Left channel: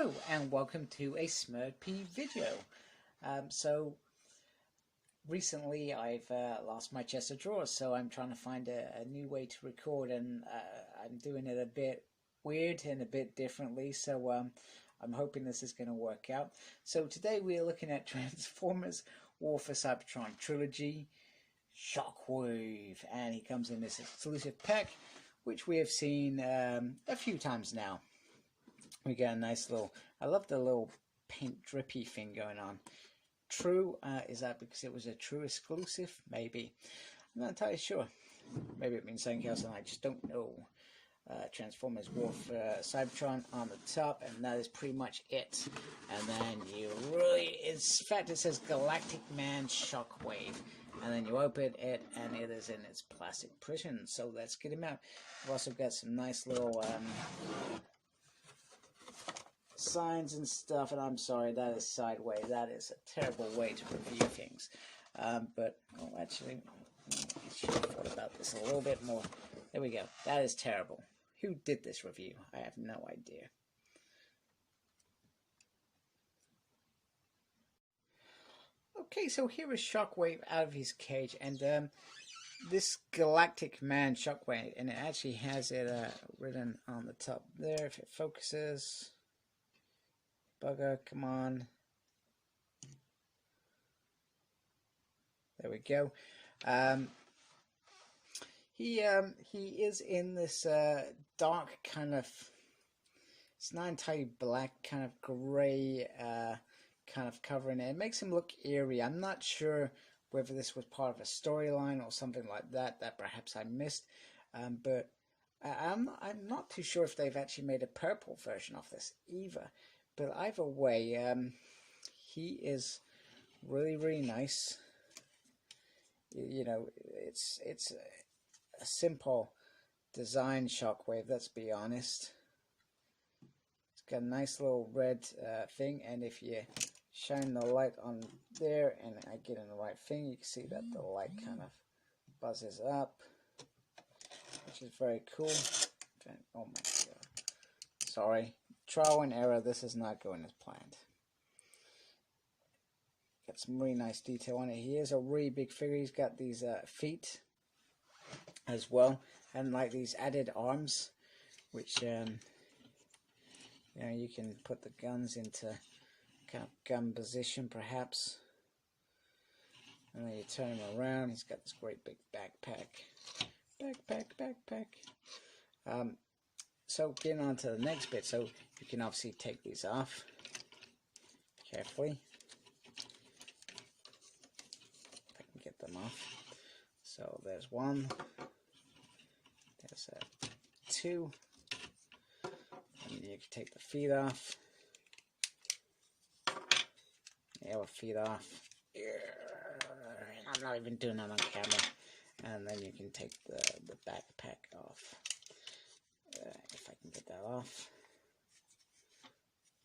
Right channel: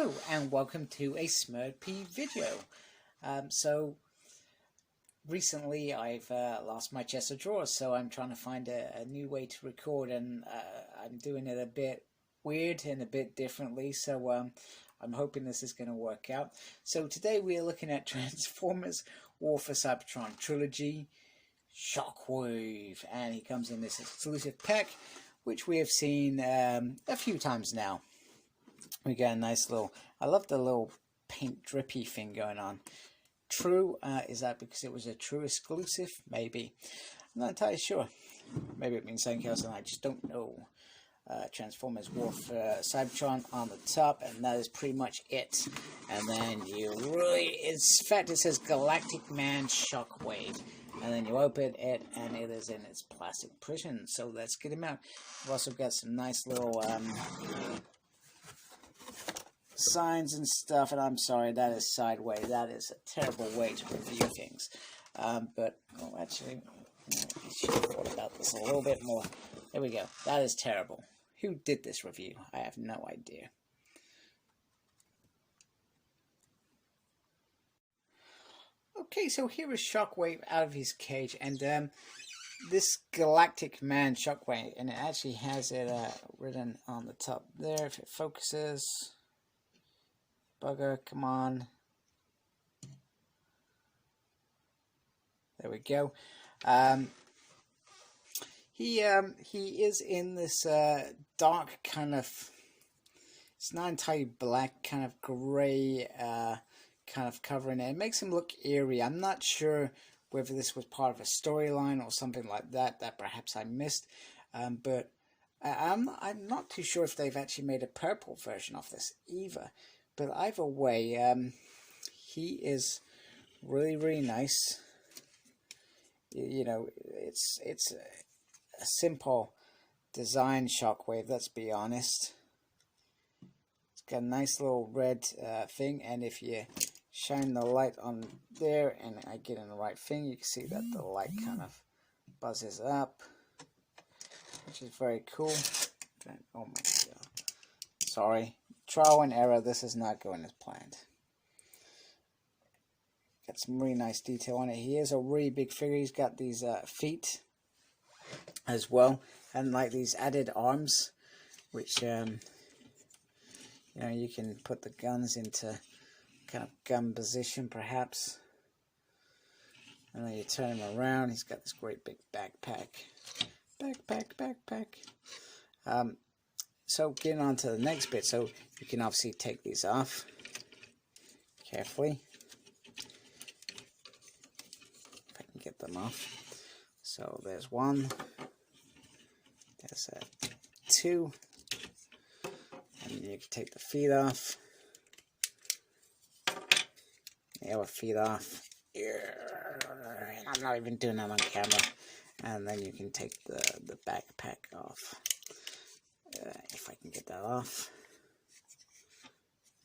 Hello and welcome to a Smurpy video. So recently I've lost my chest of drawers, so I'm trying to find a new way to record, and I'm doing it a bit weird and a bit differently, so I'm hoping this is going to work out. So today we are looking at Transformers War for Cybertron Trilogy Shockwave, and he comes in this exclusive pack which we have seen a few times now. We got a nice little, I love the little paint drippy thing going on. True, is that because it was a true exclusive? Maybe. I'm not entirely sure. Maybe it means something else and I just don't know. Transformers War for Cybertron on the top, and that is pretty much it. And then you really, in fact it says Galactic Man Shockwave. And then you open it and it is in its plastic prison. So let's get him out. We've also got some nice little signs and stuff, and I'm sorry, that is sideways. That is a terrible way to review things. But actually, I should have thought about this a little bit more. There we go. That is terrible. Who did this review? I have no idea. Okay, so here is Shockwave out of his cage, and this Galactic Man Shockwave, and it actually has it written on the top there. If it focuses. Bugger, come on. There we go. He is in this dark kind of, it's not entirely black, kind of grey kind of covering it. It makes him look eerie. I'm not sure whether this was part of a storyline or something like that perhaps I missed, but I'm not too sure if they've actually made a purple version of this either. But either way, he is really nice. You know, it's a simple design Shockwave, let's be honest. It's got a nice little red thing, and if you shine the light on there and I get in the right thing, you can see that the light kind of buzzes up, which is very cool. Oh my god. Sorry. Trial and error, this is not going as planned. Got some really nice detail on it. He is a really big figure. He's got these feet as well, and like these added arms, which you know, you can put the guns into kind of gun position perhaps. And then you turn him around. He's got this great big backpack. So getting on to the next bit, so you can obviously take these off carefully. If I can get them off. So there's one, there's two, and you can take the feet off. The other feet off. I'm not even doing that on camera. And then you can take the backpack off. If I can get that off.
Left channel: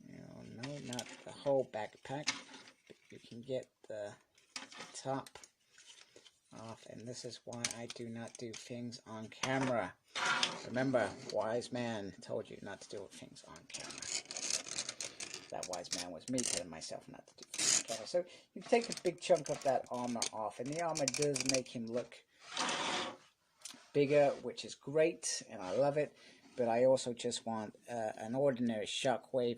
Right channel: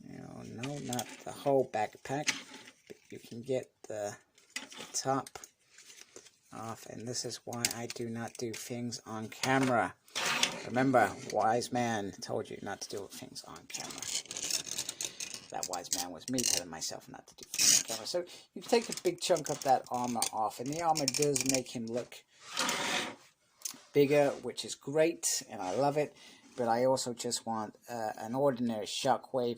No, not the whole backpack, but you can get the top off, and this is why I do not do things on camera. Remember, wise man told you not to do things on camera. That wise man was me telling myself not to do things on camera. So you can take a big chunk of that armor off, and the armor does make him look bigger, which is great, and I love it. But I also just want an ordinary Shockwave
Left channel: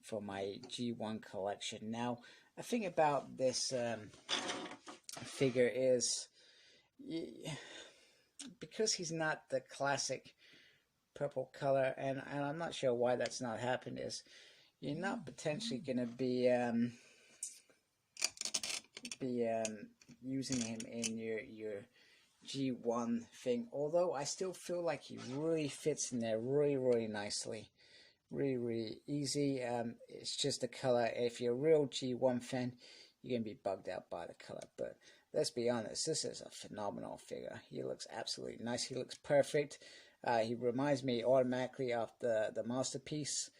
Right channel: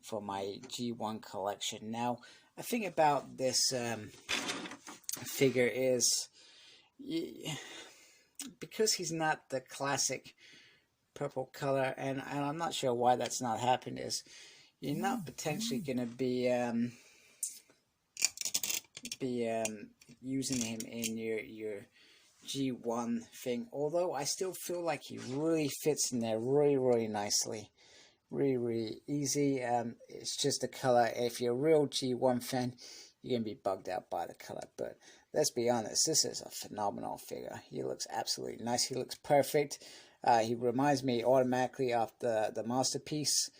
for my G1 collection. Now, the thing about this figure is, because he's not the classic purple color, and I'm not sure why that's not happened, is you're not potentially going to be using him in your G1 thing, although I still feel like he really fits in there really nicely, really easy. It's just the color. If you're a real G1 fan, you're gonna be bugged out by the color, but let's be honest, this is a phenomenal figure. He looks absolutely nice. He looks perfect. He reminds me automatically of the Masterpiece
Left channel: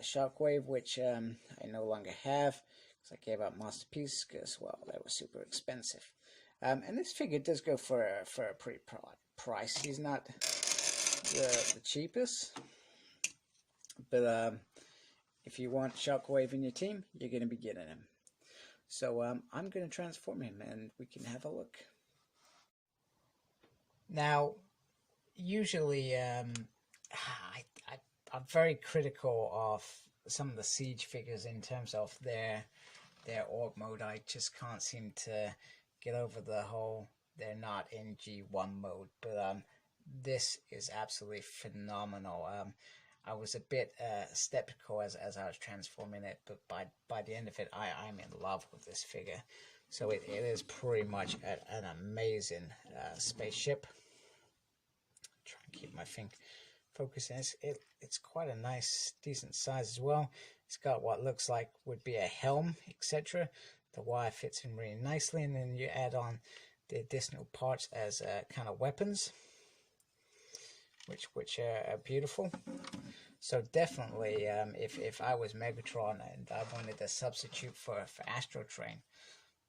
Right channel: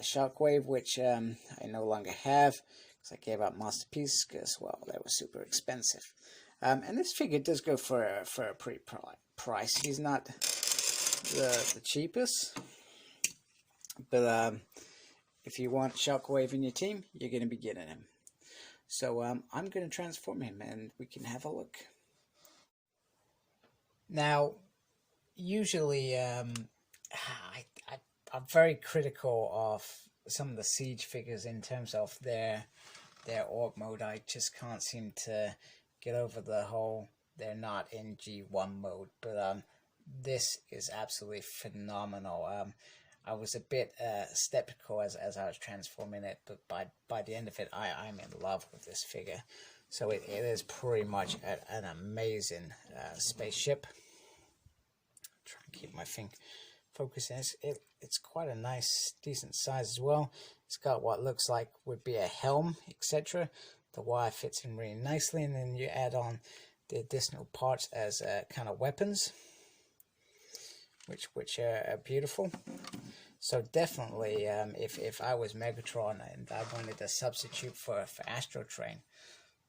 Shockwave, which I no longer have because I gave up Masterpiece because, well, they were super expensive. And this figure does go for a pretty price. He's not the cheapest, but if you want Shockwave in your team, you're going to be getting him. So I'm going to transform him and we can have a look. Now, usually I'm very critical of some of the Siege figures in terms of their org mode. I just can't seem to get over the whole they're not in G1 mode, but this is absolutely phenomenal. I was a bit skeptical as I was transforming it, but by the end of it, I'm in love with this figure. So it is pretty much an amazing spaceship. Try and keep my thing focusing. It's quite a nice, decent size as well. It's got what looks like would be a helm, etc. The wire fits in really nicely, and then you add on the additional parts as kind of weapons, which are beautiful. So definitely, if I was Megatron and I wanted a substitute for Astrotrain,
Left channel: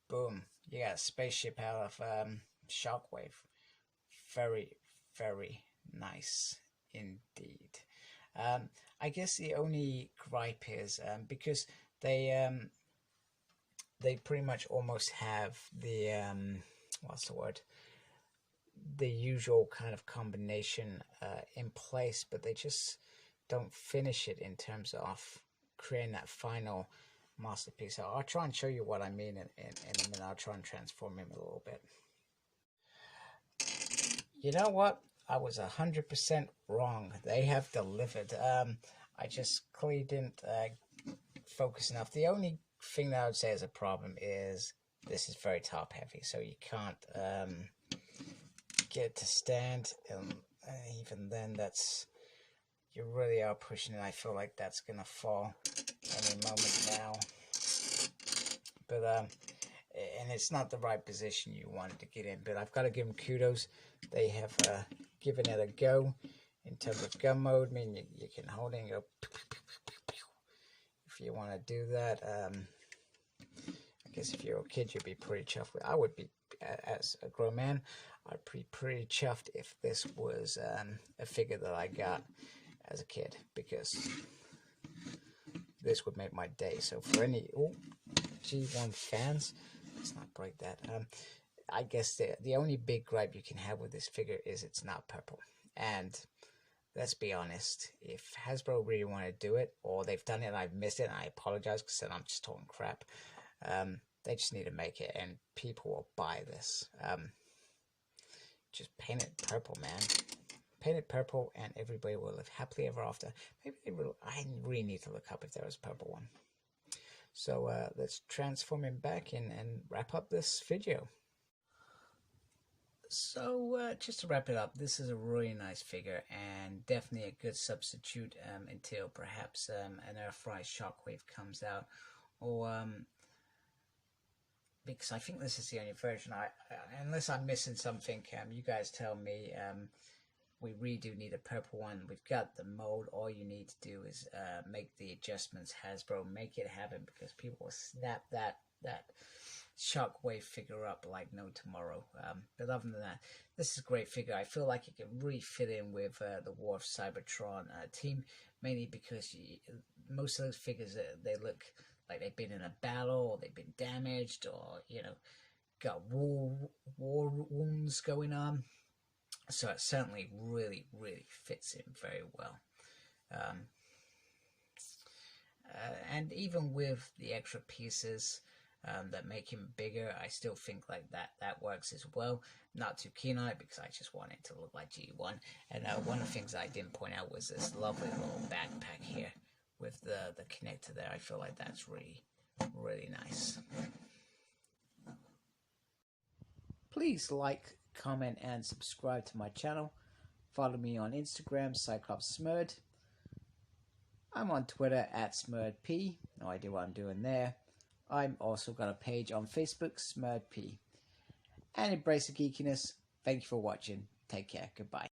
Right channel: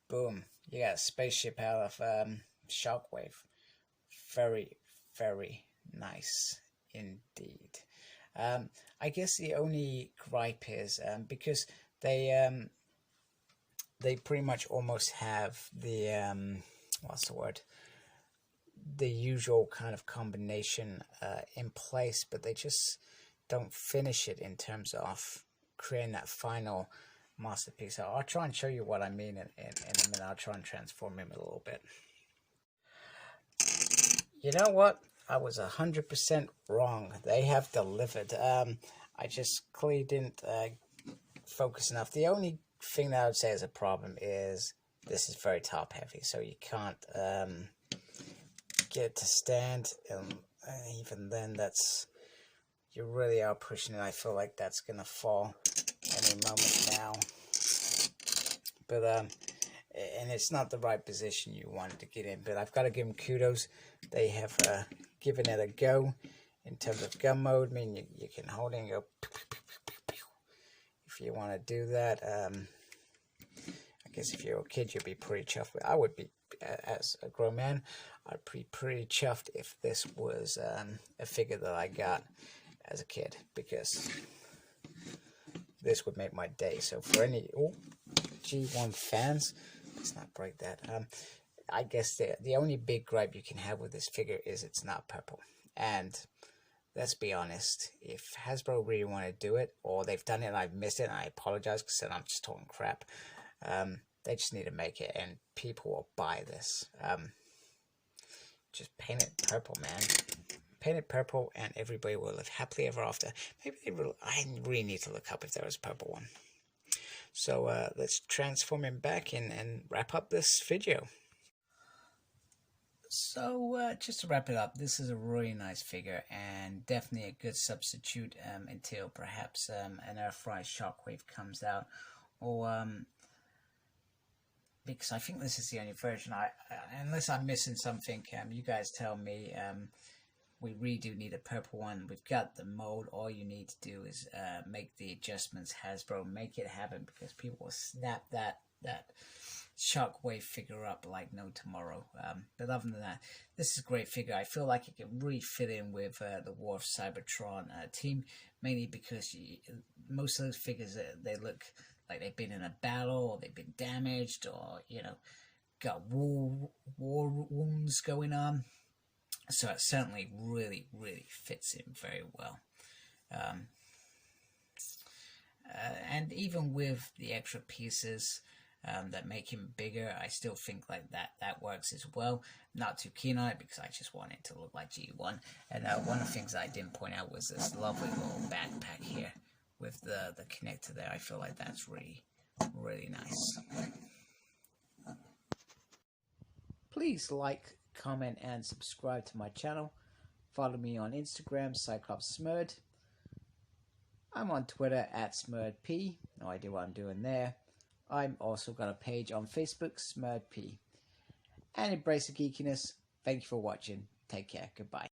boom, you got a spaceship out of Shockwave. Very, very nice indeed. I guess the only gripe is because they pretty much almost have the what's the word? The usual kind of combination in place, but they just don't finish it in terms of creating that final masterpiece. So I'll try and show you what I mean in a minute. I'll try and transform him a little bit. You know what? I was 100% wrong. They have delivered. I just clearly didn't focus enough. The only thing that I would say is a problem is this is very top heavy, so you can't get it to stand, and even then you really are pushing it. I feel like that's gonna fall any moment now, but and it's not the right position you wanted to get in, but I've got to give them kudos. They have given it a go in terms of gun mode. I mean, you can hold it and go if you want to do that. I guess if you're a kid, you'd be pretty chuffed with. I would be, as a grown man, I'd be pretty chuffed if this was a figure that I got as a kid, because this would make my day. So for any G1 fans, let's not break that. I guess the only big gripe you can have with this figure is it's not purple. And let's be honest, if Hasbro really want to do it, or they've done it and I've missed it, and I apologize because I'm just talking crap, they just need to make it and people will buy this. Just paint it purple, man. Paint it purple and everybody will live happily ever after. Maybe they will. I really need to look up if there was a purple one. So let's transform him back and wrap up this video. So just to wrap it up, this is a really nice figure and definitely a good substitute until perhaps an Earthrise Shockwave comes out, or because I think this is the only version. Unless I'm missing something, you guys tell me. We really do need a purple one. We've got the mold. All you need to do is make the adjustments. Hasbro, make it happen, because people will snap that Shockwave figure up like no tomorrow. But other than that, this is a great figure. I feel like it can really fit in with the War of Cybertron team, mainly because most of those figures, they look like they've been in a battle, or they've been damaged, or, you know, got war wounds going on. So it certainly really, really fits in very well. And even with the extra pieces that make him bigger, I still think like that works as well. Not too keen on it because I just want it to look like G1. And one of the things I didn't point out was this lovely little backpack here with the connector there. I feel like that's really, really nice. Please like, comment and subscribe to my channel. Follow me on Instagram, Cyclops Smurd. I'm on Twitter at SmurdP. No idea what I'm doing there. I'm also got a page on Facebook, SmurdP. And embrace the geekiness. Thank you for watching. Take care. Goodbye.